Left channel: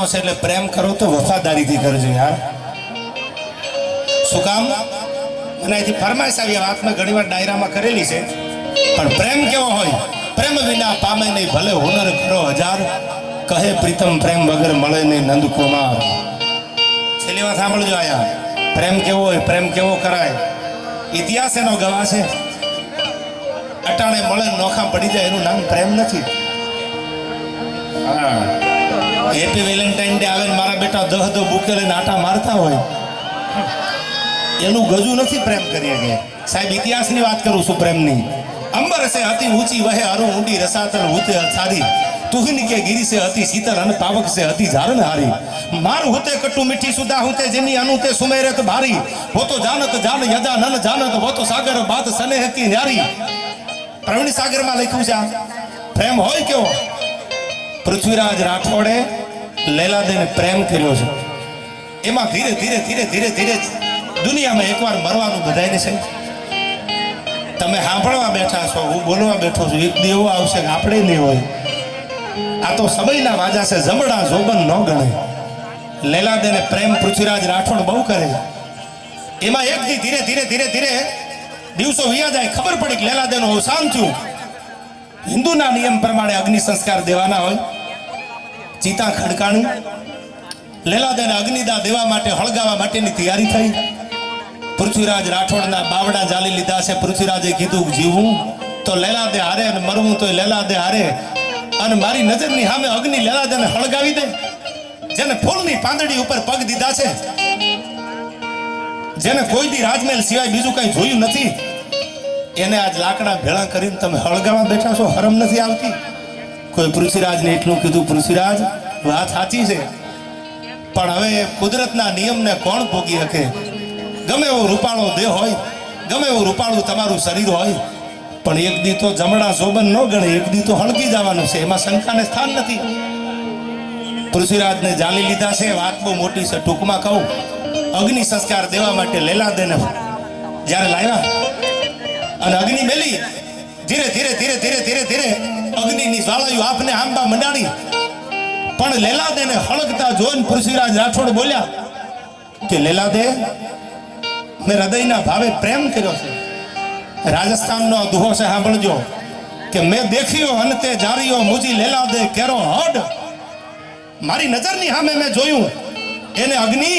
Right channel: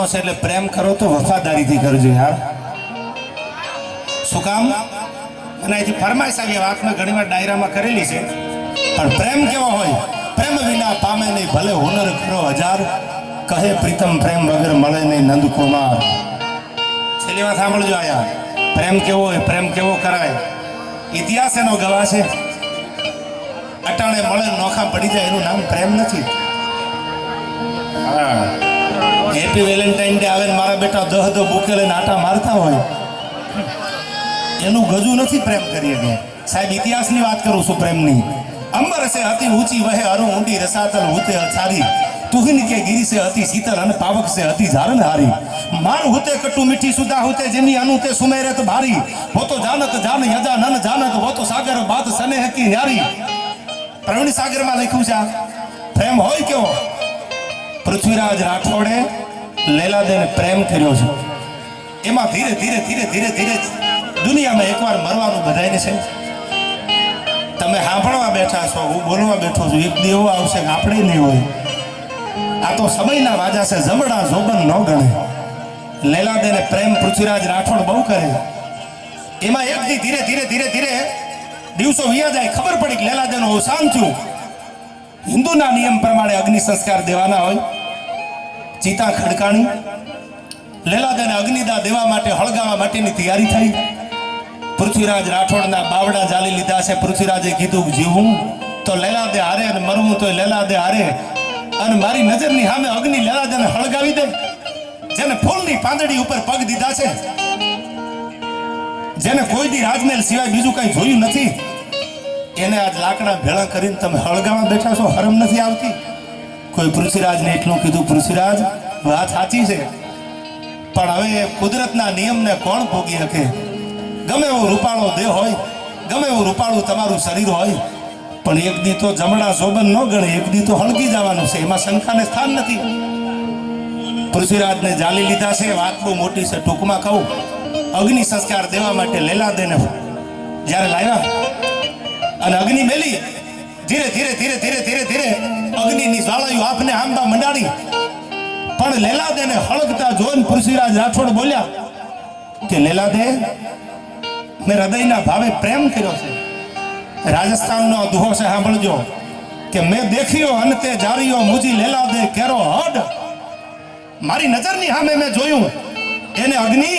કરવાનો છે એટલે પ્રેમ કરો તો વફાદારીથી કરજો યાર. શું કામ? અને એથી ફરમાઈશ આવી વાત મેં ઘણીવાર ડાયરામાં કરેલી છે. પણ પ્રેમ કેવો હોય? પ્રેમ વિના પામે નહીં ભલે હુનર કરો હજાર, કહે પ્રીતમ પ્રેમ વગર મળે નહીં નંદકુમાર. છેલ્લી વાત સાંભળજો આયા. પ્રેમ કેવો હોય, પ્રેમ કેવો કરાય, ઇતિહાસ એનો ગવાહ છે. અટાણે મળે નોખા પડી જાય એનું નામ પ્રેમ નથી. હા, હેપી વેલેન્ટાઇન ડે આવે ને મારા બેટા દહ બુકે લઈને આટા મારતા હોય, એનું ગજુ નથી પ્રેમ કરીએ કે સાહેબ. ઇતિહાસની વાત કરું છું પ્રેમની. અંબર સે અતિ ઊંચી વહે અરુ ઊંડી રસાતલ હુતે છારી, તુહિન કે ગિરી સે અતિ શીતલ અને પાવક સે અતિ ઝારન હારી. માર હુતે કટુ મીઠી સુધા હુતે જેમી અનુતે સુમેરત ભારી, વો તો જાનત જાન યજા નન જાનત, વો તો સાગર બાત સનેહ કી ન્યારી. પ્રવીણ સાગરમાં લખ્યું છે પ્રેમ હોય કેવો. પૃથ્વીરાજ રાઠોડે લેલાદેને પ્રેમ કર્યો છે. એમાં ધીરે ધીરે ધીરે ધીરે ધીરે દુનિયામાં એકવાર મરવાનું બધાને છે. તમે સાંભળવા બેઠા છો, હું બોલવા બેઠો છું. એક દી એવો આવશે કે આપણે નહીં હોય. આ તો સમયના વાજા છે, જમણા જોબન ન ગણે. લેલાદેને પ્રેમ પૃથ્વીરાજ રાઠોડ બહુ કરે. એમાં એક દી ધીરે ધીરે ધીરે ધીરે દિવસો વિયા જાય, ખબર પડી કે લેલાદેનું અવસાન થયું. હિન્દુના નિયમ પ્રમાણે અગ્નિ સંસ્કાર દેવાના હોય. ચિતા ખડકાણી, લેલાદેને અગ્નિદા દેવા માટે હળગાવા માટેની તૈયારી થઈ. પૃથ્વીરાજ રાઠોડના બાવડા જાલી લીધા છે. પૃથ્વીરાજે કીધું કે જીવવું તો લેલાદે હારે અને મરવું તો લેલાદે હારે. અને મારી નજરની સામે અગ્નિ લેલાદેને હળગાવી દે. જેને ફૂલની પાંદડી ઉપર પગ દીધા છે, જેને કોઈ દી રાજમહેલ સિવાય બીજું કઈ જોયું નથી, એને આજ લાકડા ભેળા કરીને તમે હળગાવા બેઠા છો. હરમ નથી આવતી? કોઈ પૃથ્વીરાજને એટલું કીધું, પૃથ્વીરાજ વાત સાચી છે, પણ હવે કુદરતના નિયમને કોણ ભોગી શકે? ગમે એવો રૂપાળો દેહ હોય, ગમે એવું રૂપાળું તમારું શરીર હોય, પણ એક દી તો જમણા શોભન ન ગણે, એક દી તો હળગી જવાનું છે. એમાં શંકાને સ્થાન નથી. પૃથ્વીરાજને જાલી લીધા છે. વાત બહુ મોટી છે, ટૂંકમાં કહું. અગ્નિ સંસ્કાર દેવા માટે લેલાદેને જ્યારે લાવ્યા અને અગ્નિ મેલી, ધીરે ધીરે ધીરે ધીરે ધીરે ધીરે અગ્નિની જ્વાળાઓ આપને આંબા મંડાણી. પણ લેલાદેને હળગતા જોઈને પૃથ્વીરાજ રાઠોડ બોલ્યા કે લેલાદે, મેં હૃદયના ભાવે પ્રેમ કર્યો છે. રાજસ્થાનનો દુહો છે, સાંભળજો કે મેં દેખ્યો અંતે જારીઓ મુજી લેલાદે કેરો હડ. મારી નજરની સામે મેં જોયું એને અગ્નિ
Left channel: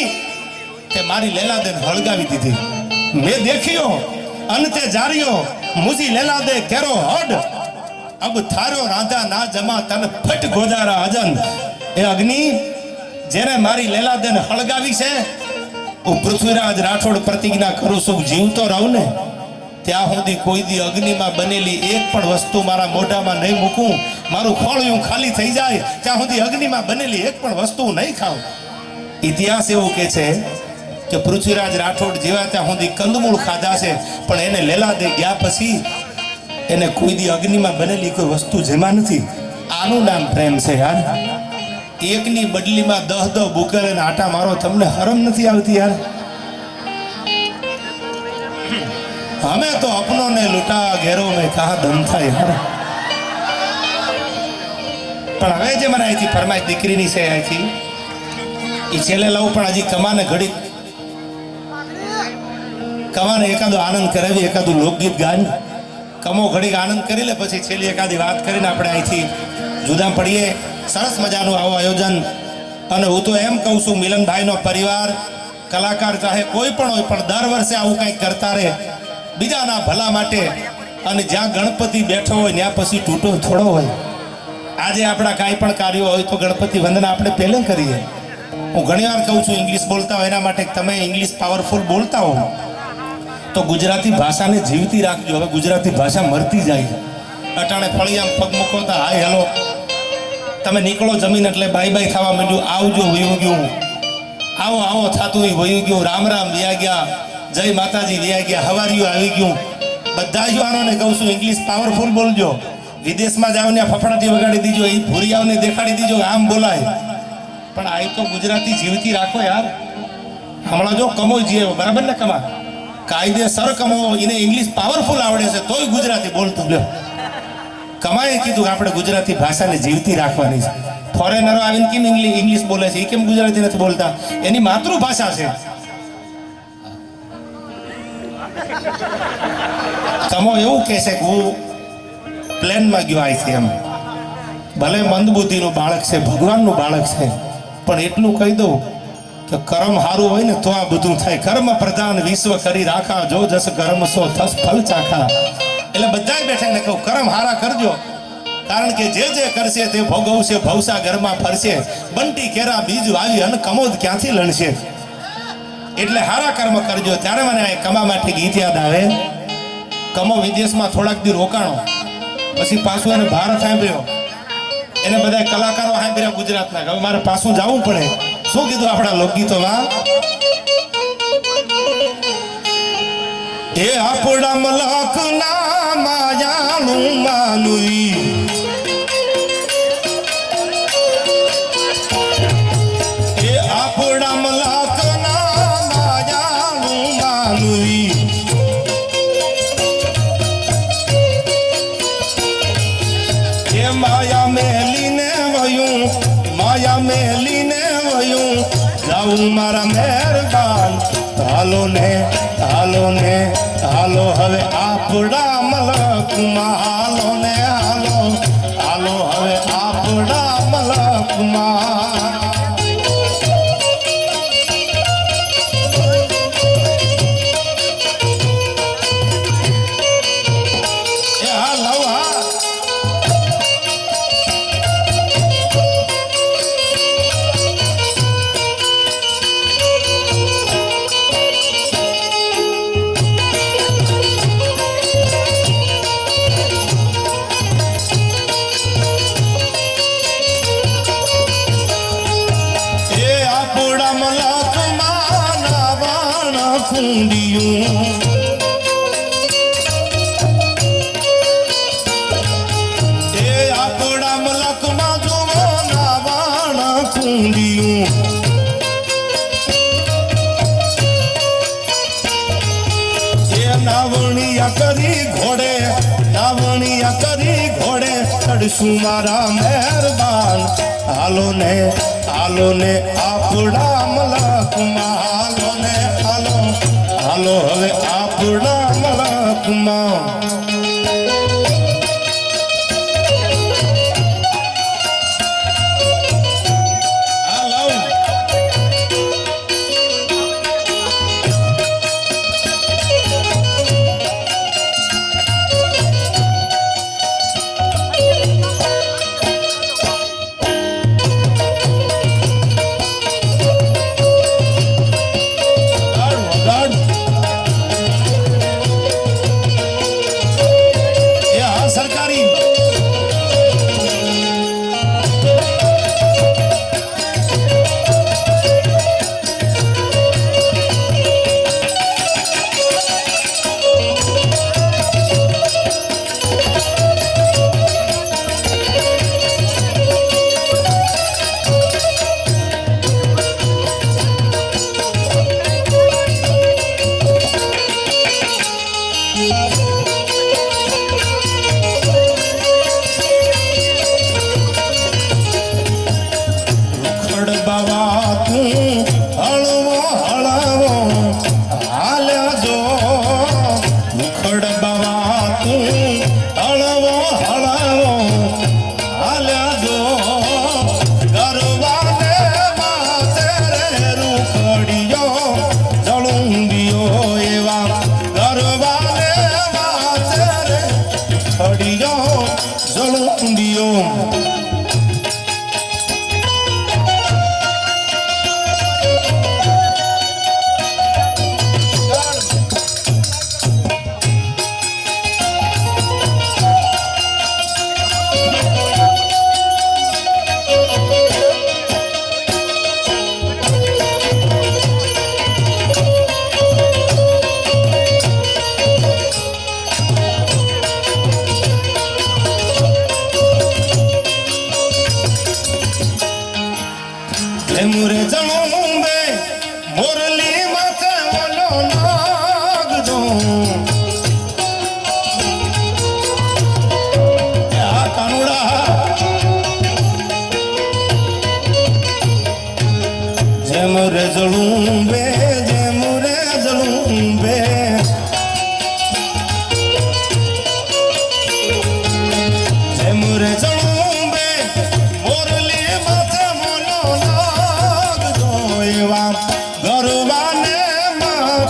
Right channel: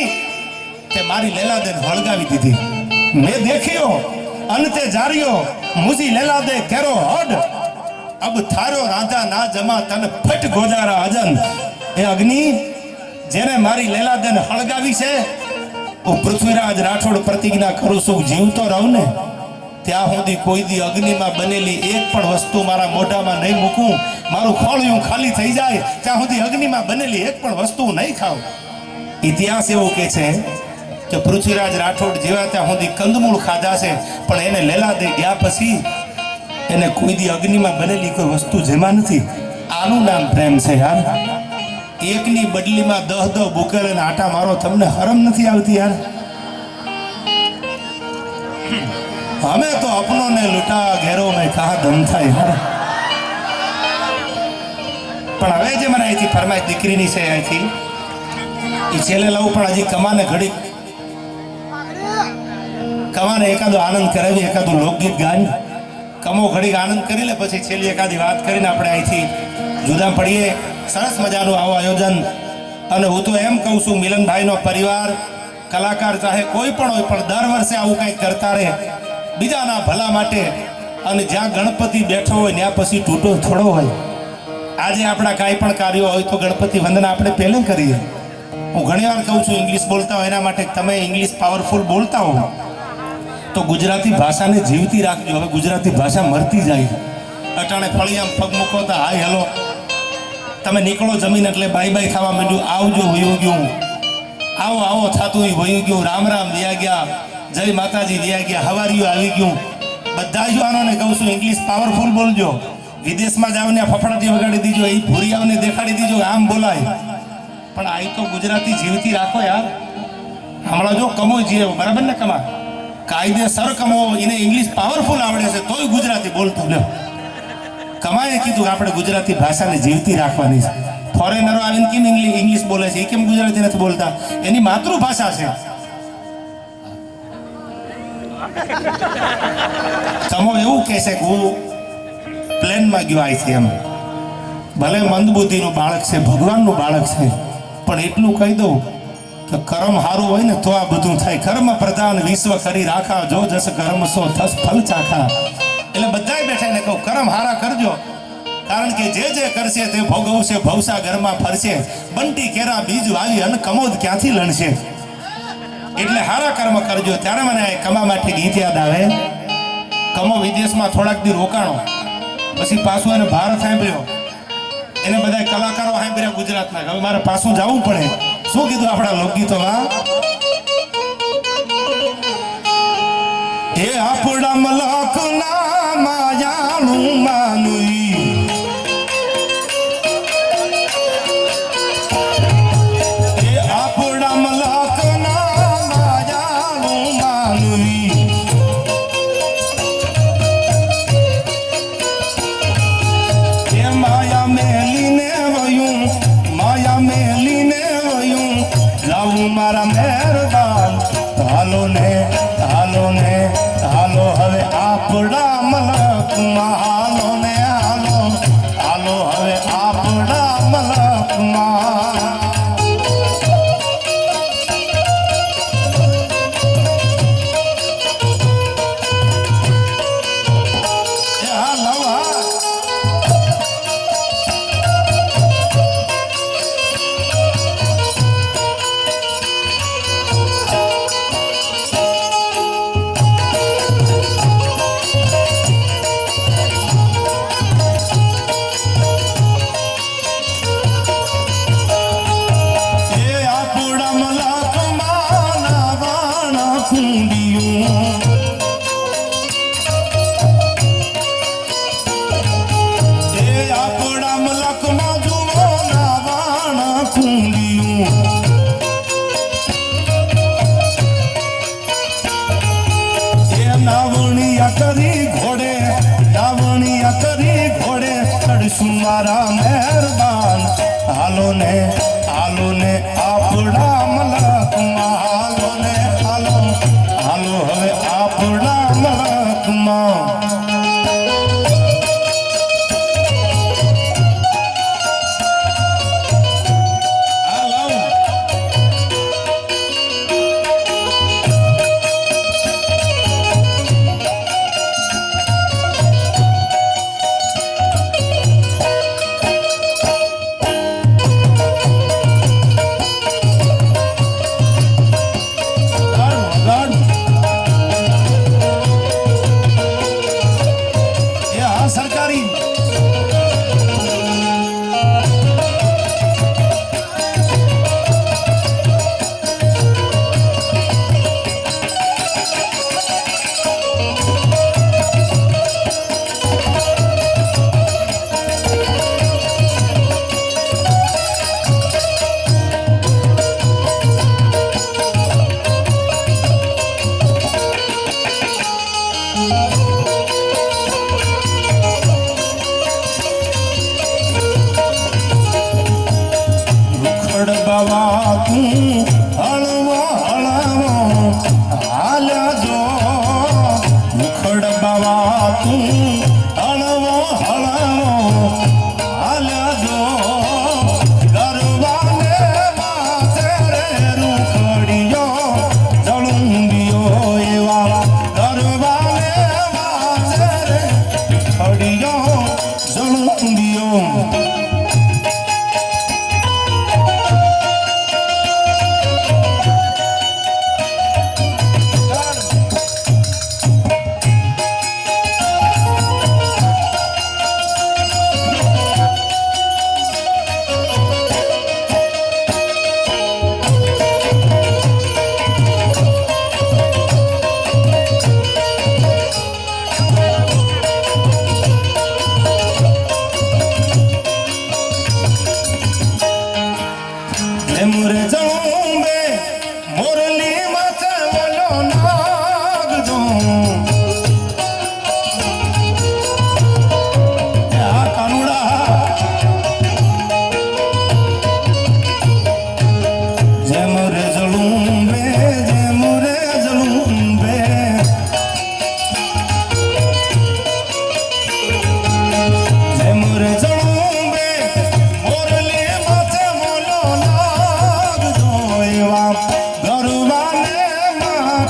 તે મારી લેલાદેને હળગાવી દીધી. મેં દેખ્યો અંતે જારીઓ મુજી લેલાદે કેરો હડ, અબ થારો રાધા ના જમા તન ફટ ગોજારા અજન. એ અગ્નિ જેને મારી લેલાદેને હળગાવી છે, હું પૃથ્વીરાજ રાઠોડ પ્રતિજ્ઞા કરું છું, જીવતો રહું ને ત્યાં સુધી કોઈ દી અગ્નિમાં બનેલી એક પણ વસ્તુ મારા મોઢામાં નહીં મૂકું. મારું ખોળિયું ખાલી થઈ જાય ત્યાં સુધી અગ્નિમાં બનેલી એક પણ વસ્તુ નહીં ખાઉં. ઇતિહાસ એવું કે છે કે પૃથ્વીરાજ રાઠોડ જેવા ત્યાં સુધી કંદમૂળ ખાધા છે, પણ એને લેલાદે ગયા પછી એને કોઈ દી અગ્નિમાં બનેલી કોઈ વસ્તુ જેમાં નથી. આનું નામ પ્રેમ છે યાર. એકની બદલીમાં 10 બુકેલ અને આટા મારો, તમને હરમ નથી આવતી યાર? હમે તો અપનો ને લૂટા ઘેરો મેં કહા દમ થાય યાર. પણ હવે જે મને અહીંથી ફરમાય દીકરીની છે, અહીંથી એ છેલ્લે લઉં, પણ હજી કમાને ઘડી કમાને એકાદો આનંદ કરાવી, એકાદું લોકગીત ગાન કમો ઘડીક આનંદ કરી લે, પછી છેલ્લી એકાદી વાત કરીને આપણે અહીંથી જુદા પડીએ. સરસ મજાનું આવું આયોજન. અને હું તો એમ કહું છું, મિલનભાઈનો પરિવાર, કલાકાર ચાહે કોઈ પણ હોય, પણ દર વર્ષે આવું કંઈક કરતા રહે બીજાના ભલા માટે. અને જ્યાં ગણપતિ બેઠો હોય ત્યાં પછી તૂટો થોડો હોય. આજે આપણા કાંઈ પણ કાર્યો હોય તો ગણપતિ વંદના આપણે પહેલે કરીએ. હું ઘણીવાર કહું છું, ઇંગ્લિશ બોલતા હોય એના માટે તમે ઇંગ્લિશ પાવરફુલ બોલતા હો તો ગુજરાતી ભાષાને જીવતી રાખજો. હવે ગુજરાતી ભાષા મરતી જાય. અટાણે ફળિયામાં પગ મૂકો તો હાય હેલો, તમે નીકળો જમીન એટલે બાય બાય ખાવા માંડ્યું, આવજો વયું ગયું, આવો આવો થતું વયું ગયું, રામ રામ વ્યા ગયા, જય માતાજી વ્યા ગયા, હવારીઓ આવી ગયું. બધા યુવાનોને કહું છું, ઇંગ્લિશ પાવરફુલ બોલજો. વિદેશમાં જાઓ ને ફફડાટી વગાડી દીજો, એ ભૂરિયાઓને દેખાડી દીજો આમ બોલાય. પણ આ તો ગુજરાતી જીવતી રાખો યાર. હમણાં જો કમો જીએ બરાબર ને, કમા કાયદેસર કમો, એને ઇંગ્લિશ પાવરફુલ આવડે છે તોય ગુજરાતી બોલતું લ્યો. કમાએ કીધું કે આપણે ગુજરાતી ભાષાને જીવતી રાખવાની છે. ફોરેનરો આવીને કેમ ઇંગ્લિશ બોલે છે, એ કેમ ગુજરાતી નથી બોલતા? એની માતૃભાષા છે. કમો એવું કહે છે કે હું પ્લેનમાં ગયો અહીંથી, એમ ભલે મંદબુદ્ધિનું બાળક છે, ભગવાનનું બાળક છે, પણ એટલું કહી દઉં કે કર્મ સારું હોય ને તો આ બધું થાય. કર્મ પ્રધાન વિશ્વ કરી રાખા, જો જસ કર્મ સો થસ ફલ ચાખા. એટલે બધાય બેઠા ને કહું કર્મ હારા કરજો, કારણ કે જે જે કરશે તે ભોગવશે, ભવસાગરમાં ફરશે. બંટી કેરા બીજ વાવી અને કમોદ ક્યાંથી લણશે. એટલે હારા કર્મ કરજો. ત્યારે મને આ કમા માટે ગીત યાદ આવે. કમો વિદેશમાં થોડાક દી રોકાણો, પછી પાછું એને ભારત સાંભળ્યો, એને બધા કલાકારો સાંભળ્યા ગુજરાતના. હવે મારે પાછું જવું પડે. શું કીધું આપણા લોકગીતોમાં? એ આપણા મલકના માયાનું માનુઈ, એ આપણા મલકના માયાનું માનુઈ, એ માયા મેલીને વયું, માયા મેલીને વયું જાઉં મારા મહેરબાન. હાલો ને હાલો ને હાલો હવે આપણા મલકમાં, હાલો ને હાલો હાલો હવે આપણા મલકમાં. મારા મહેરબાન હાલો ને આપણા મલકમાં, હાલો ને હાલો હાલો હવે આપણા મલકમાં.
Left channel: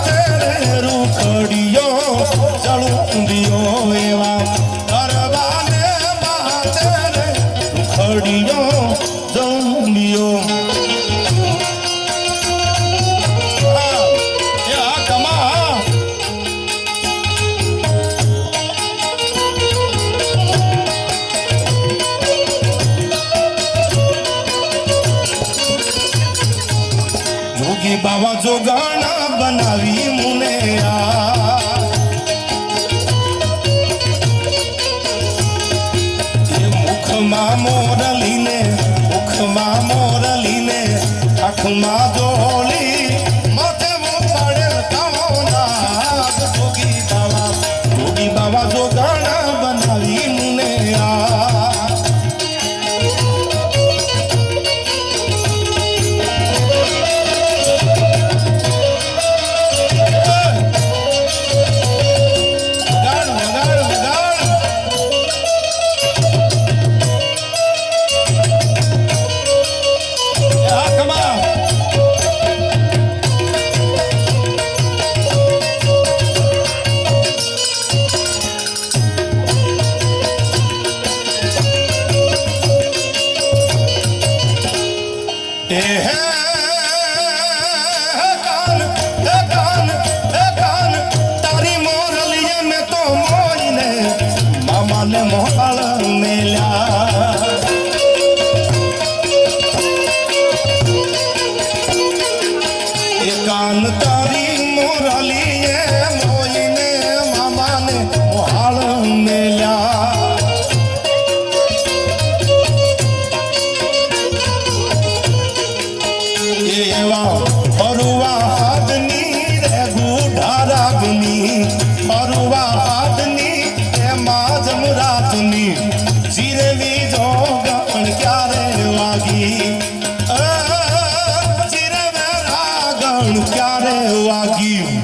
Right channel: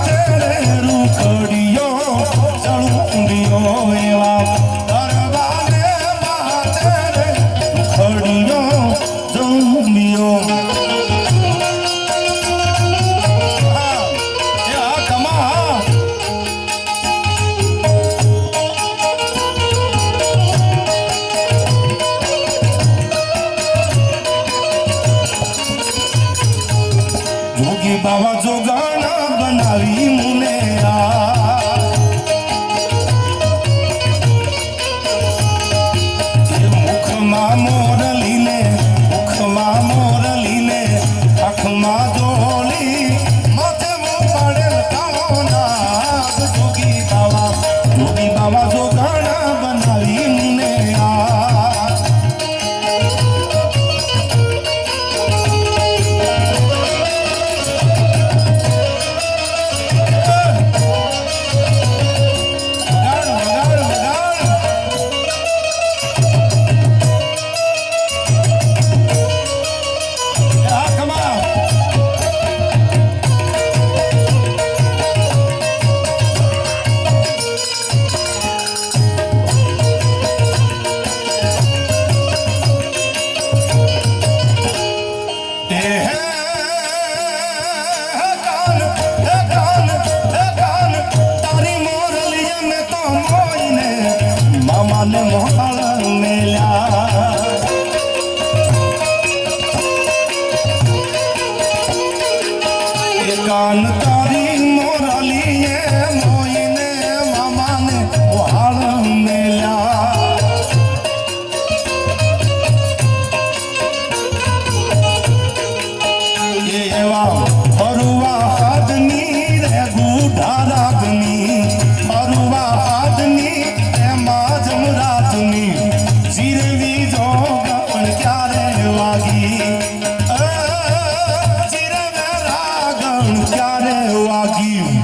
માથે રે રૂખડિયો ચળુંડિયો એવા ગરબાને માથે રે રૂખડિયો ચળુંડિયો બાવા જોગાણા બનાવી મુને મુખમાં મોરલીને આંખમાં જોલી માથે પાડેલ કામોના જોગી બાવા જોગાણા બનાવી મુને કાન તારી મોરલીએ મોઈને મામાને મોહાળ મેલ્યા એવા હરુવા હાથની રે ગુઢા રાગની હરુવા હાથની એમાં જમરાતની જીરેવી જોગણ ક્યારે વાગી ક્યારે વાગ્યું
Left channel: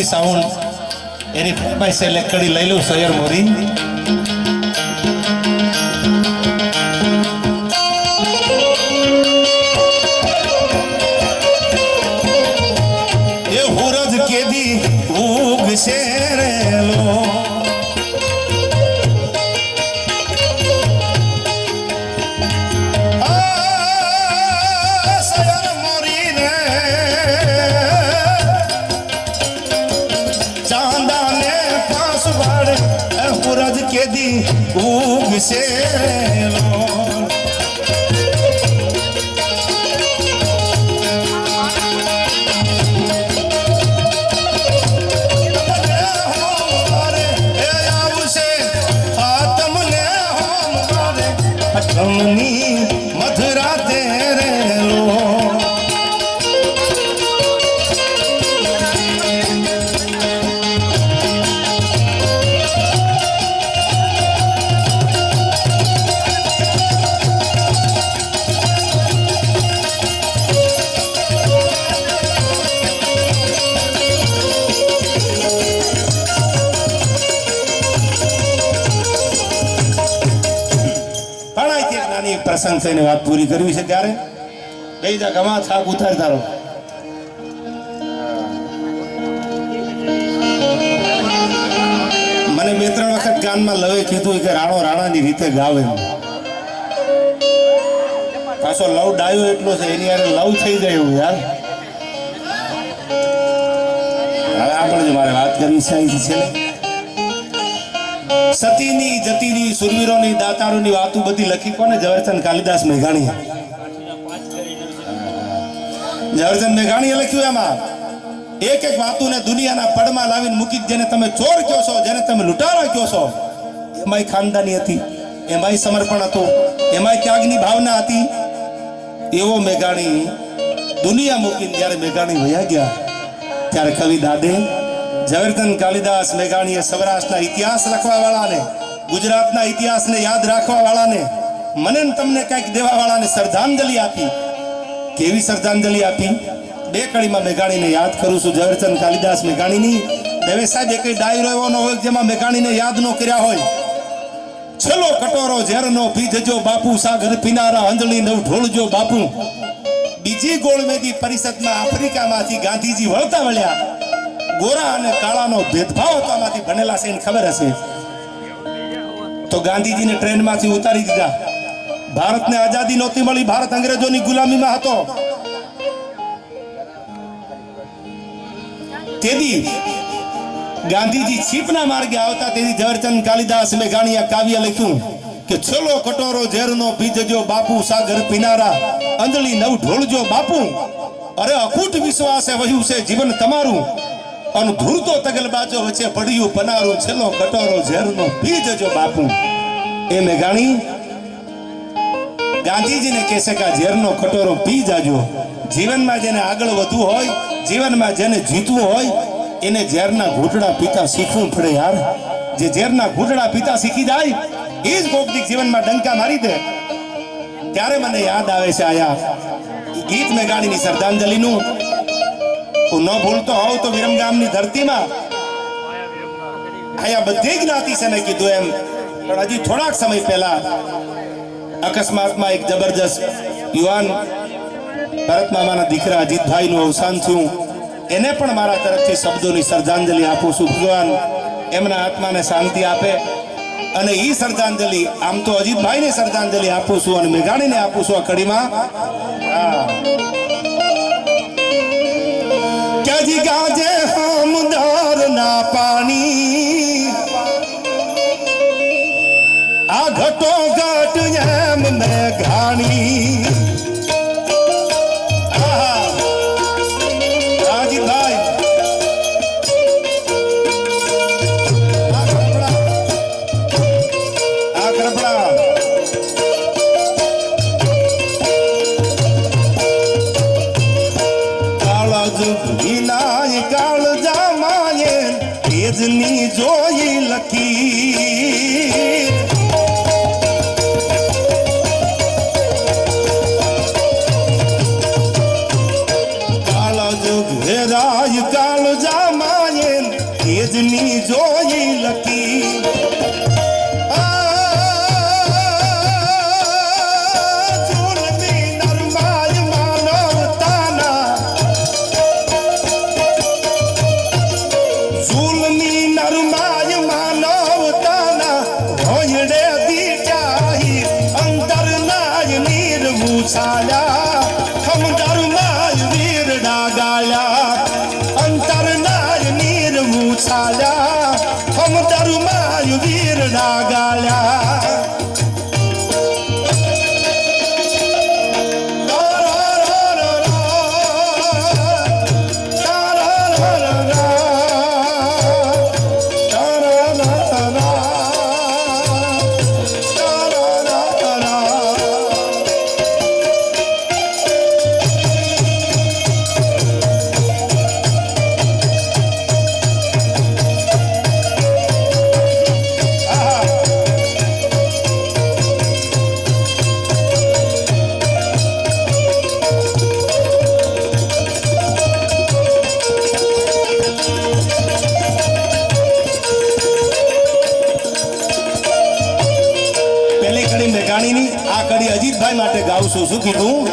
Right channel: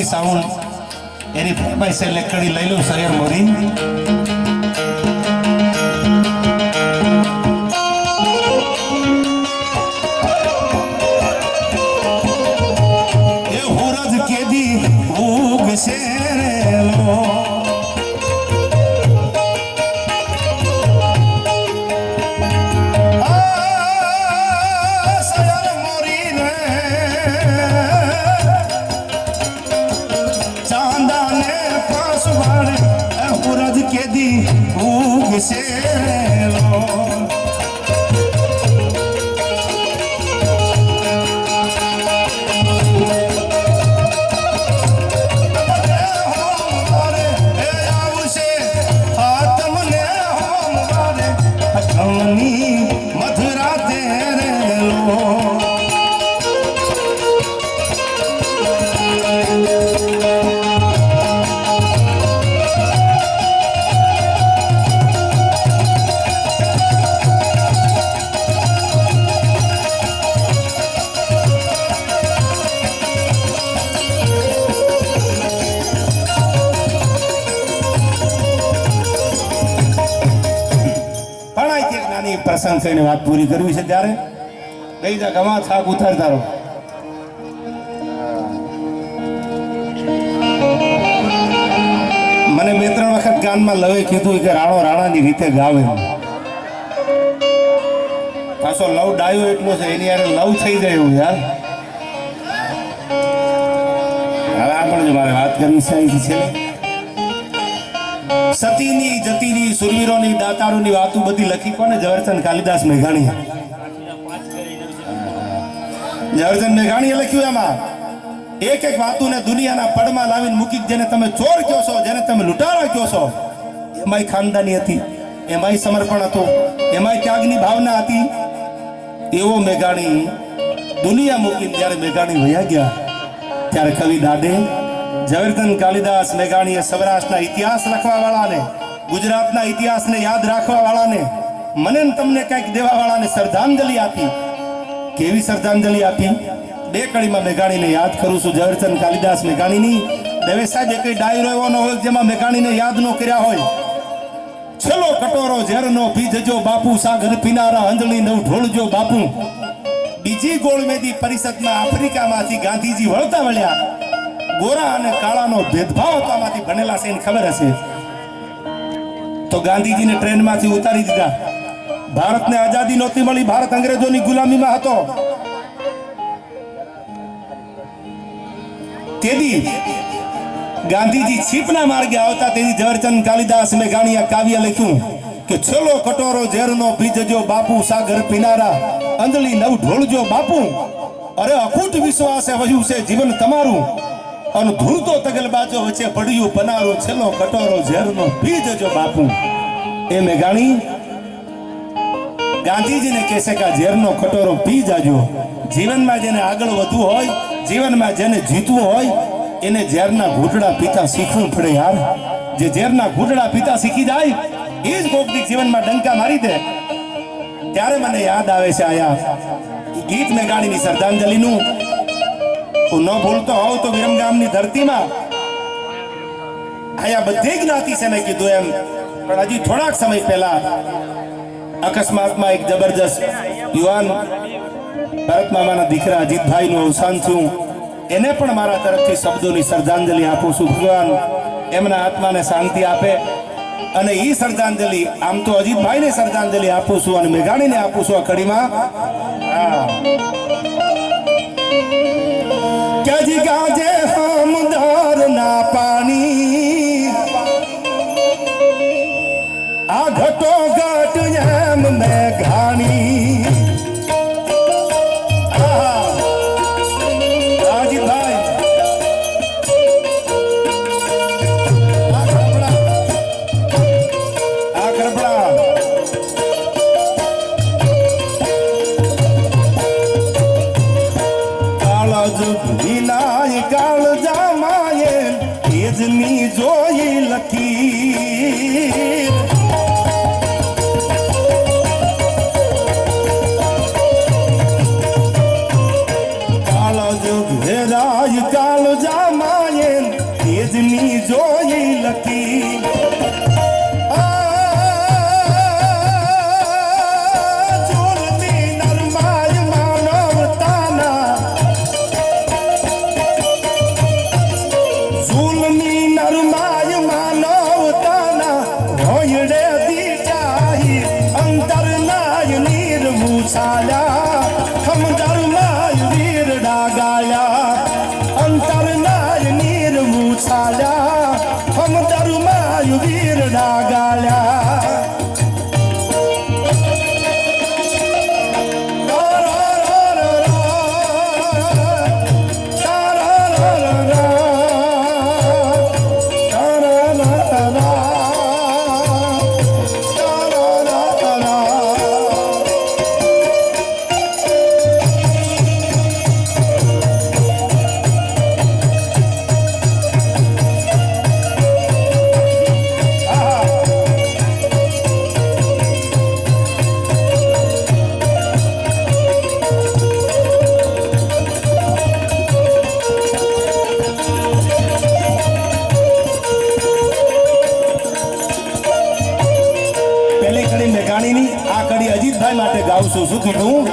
બાપુજી સાઉન્ડ એની ફરમાઈશ એટલે કડી લઈ લઉં સૈયર મોરી. એ હુરજ કેદી ઉગશે રેલો કેદી ઉગશે મધુરા તેરેલો પ્રસંગ થઈને વાત પૂરી કરવી છે ત્યારે બે જા ગવા થાક ઉતારતા રહો. મને 2-3 વખત ગાનમાં લવે કીધું કે રાણો રાણાની રીતે ગાવે. પાછો લવ ડાયો એટલો છે એની યાર લવ થઈ જાય એવું યાર. હવે આપણે જો મારે વાત કરવી છે અહીંથી છે સતીની જતીની સુરવીરોની દાતારોની વાતો બધી લખી કોને? ઝવેરચંદ કાલિદાસ મેઘાણી. ઝવેરચંદ મેઘાણીએ લખ્યું એમાં એક એક વાતોને દુનિયાના પડમાં લાવીને મૂકી. જેને તમે ચોર કહો છો, જેને તમે લૂંટારા કહો છો, એમાંય ખાનદાની હતી, એમાંય સમર્પણ હતું, એમાંય ત્યાગની ભાવના હતી. એવો મેઘાણી દુનિયા મૂકીને જ્યારે મેઘાણી વયા ગયા ત્યારે કવિ દાદે ઝવેરચંદ કાલિદાસ મેઘાણીએ સૌરાષ્ટ્રના ઇતિહાસ લખવા વાળાને, ગુજરાતના ઇતિહાસને યાદ રાખવા વાળાને, મને તમને કંઈક દેવા વાળાને શ્રદ્ધાંજલિ આપી. કેવી શ્રદ્ધાંજલિ આપી? 2 કડીમાં મેઘાણીને યાદ કરું છું. ઝવેરચંદ કાલિદાસ મેઘાણીની દવે સાહેબ એક ડાયરો એવો ન હોય જેમાં મેઘાણીનો યાદ ન કર્યા હોય. છેલ્લો કટોરો ઝેરનો પીધજો બાપુ, સાગર પીનારા અંજળી નવ ઢોળજો બાપુ. બીજી ગોળમેદી પરિષદમાં આફ્રિકામાંથી ગાંધીજી વળતા વળ્યા. ગોરા અને કાળાનો ભેદભાવ હતો આમાંથી ભણેલા છે એને ખબર હશે. તો ગાંધીજીને ટ્રેનમાંથી ઉતારી દીધા. ભારતને આઝાદી નહોતી મળી, ભારત અંગ્રેજોની ગુલામીમાં હતો. તેથી ગાંધીજી છીપના માર્ગે આવતા તેથી ઝવેરચંદ કાલિદાસ મેઘાણીએ કાવ્ય લખ્યું કે છેલ્લો કટોરો ઝેરનો પીજજો બાપુ, સાગર પીનારા અંજળી નવ ઢોળજો બાપુ. અરે અખૂટ વિશ્વાસે વહ્યું છે જીવન તમારું, અને ધૂળતો તગલબાજો વચ્ચે પડ્યું પનારું. છેલ્લો કટોરો ઝેરનો પી જજો બાપુ. એ મેઘાણી ગાંધીજીને કહેશે કે આ ઝેરનો કટોરો પી જાજો. જીવનમાં જેને આગળ વધવું હોય, જીવનમાં જેને જીતવું હોય, એને ઝેરના ઘૂંટડા પીતા શીખવું પડે યાર. જે ઝેરના ઘૂંટડા પીતા શીખી જાય એ જ કોકની જીવનમાં ડંકા મારી દે. ત્યારે મને યાદ આવે છે આયા ગીત મેઘાણીની શ્રદ્ધાંજલિનું. હું ન ભૂલતો હોઉં તો વિરમગામની ધરતીમાં આયા બધી જ્ઞાતિ છે મેં કીધું એમ, પણ હજી થોડાક સમય પહેલા અકસ્માતમાં એક જબરજસ્ત યુવાન ભરત મામાના દીકરા અજીતભાઈનું અવસાન થયું. એને પણ મારા તરફથી શબ્દોની શ્રદ્ધાંજલિ આપું છું. ભગવાન એમના આત્માને શાંતિ આપે. અને ઈ શ્રદ્ધાંજલિ આમ તો અજીતભાઈને શ્રદ્ધાંજલિ આપું છું અને મેઘાણીને આપું છું આ કડીમાં. ક્યાંથી ગાજે હમદાર ના પાણી, આ ઘટો ઘટ એમ મેઘાણી. કાળ જામાએ તેજની જોઈ લખી. કાળ જ ઘેરાય કાળ જામાએ ઘડી અજીતભાઈ માટે ગાઉં છું. શું કીધું?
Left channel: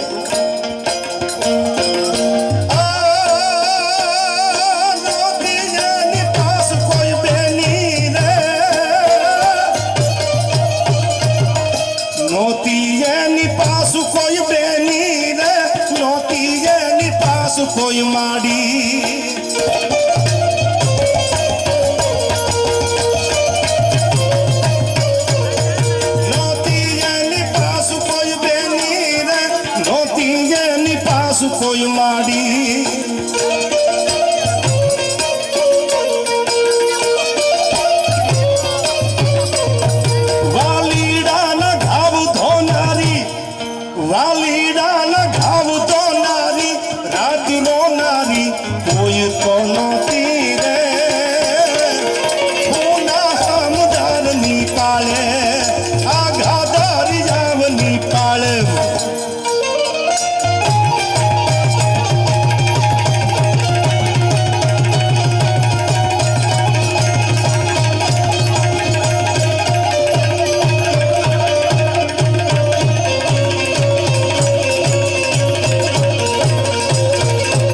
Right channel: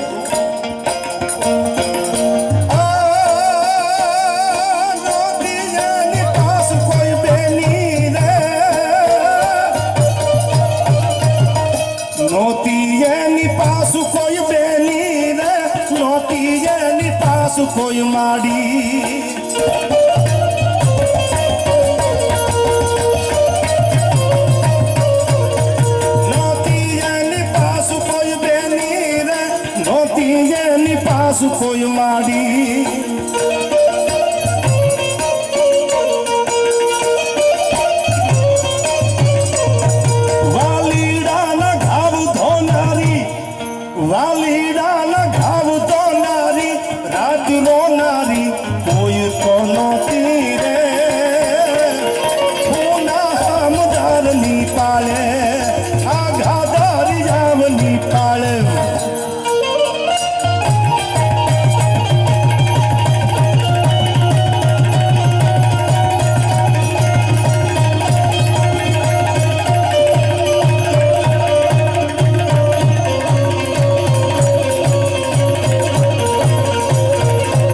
કોઈ માડી નોતી એની પાસ કોઈ બેની રે નોતી એની પાસ કોઈ માડી વાલીડાના ઘાવ ધોનારી વાલી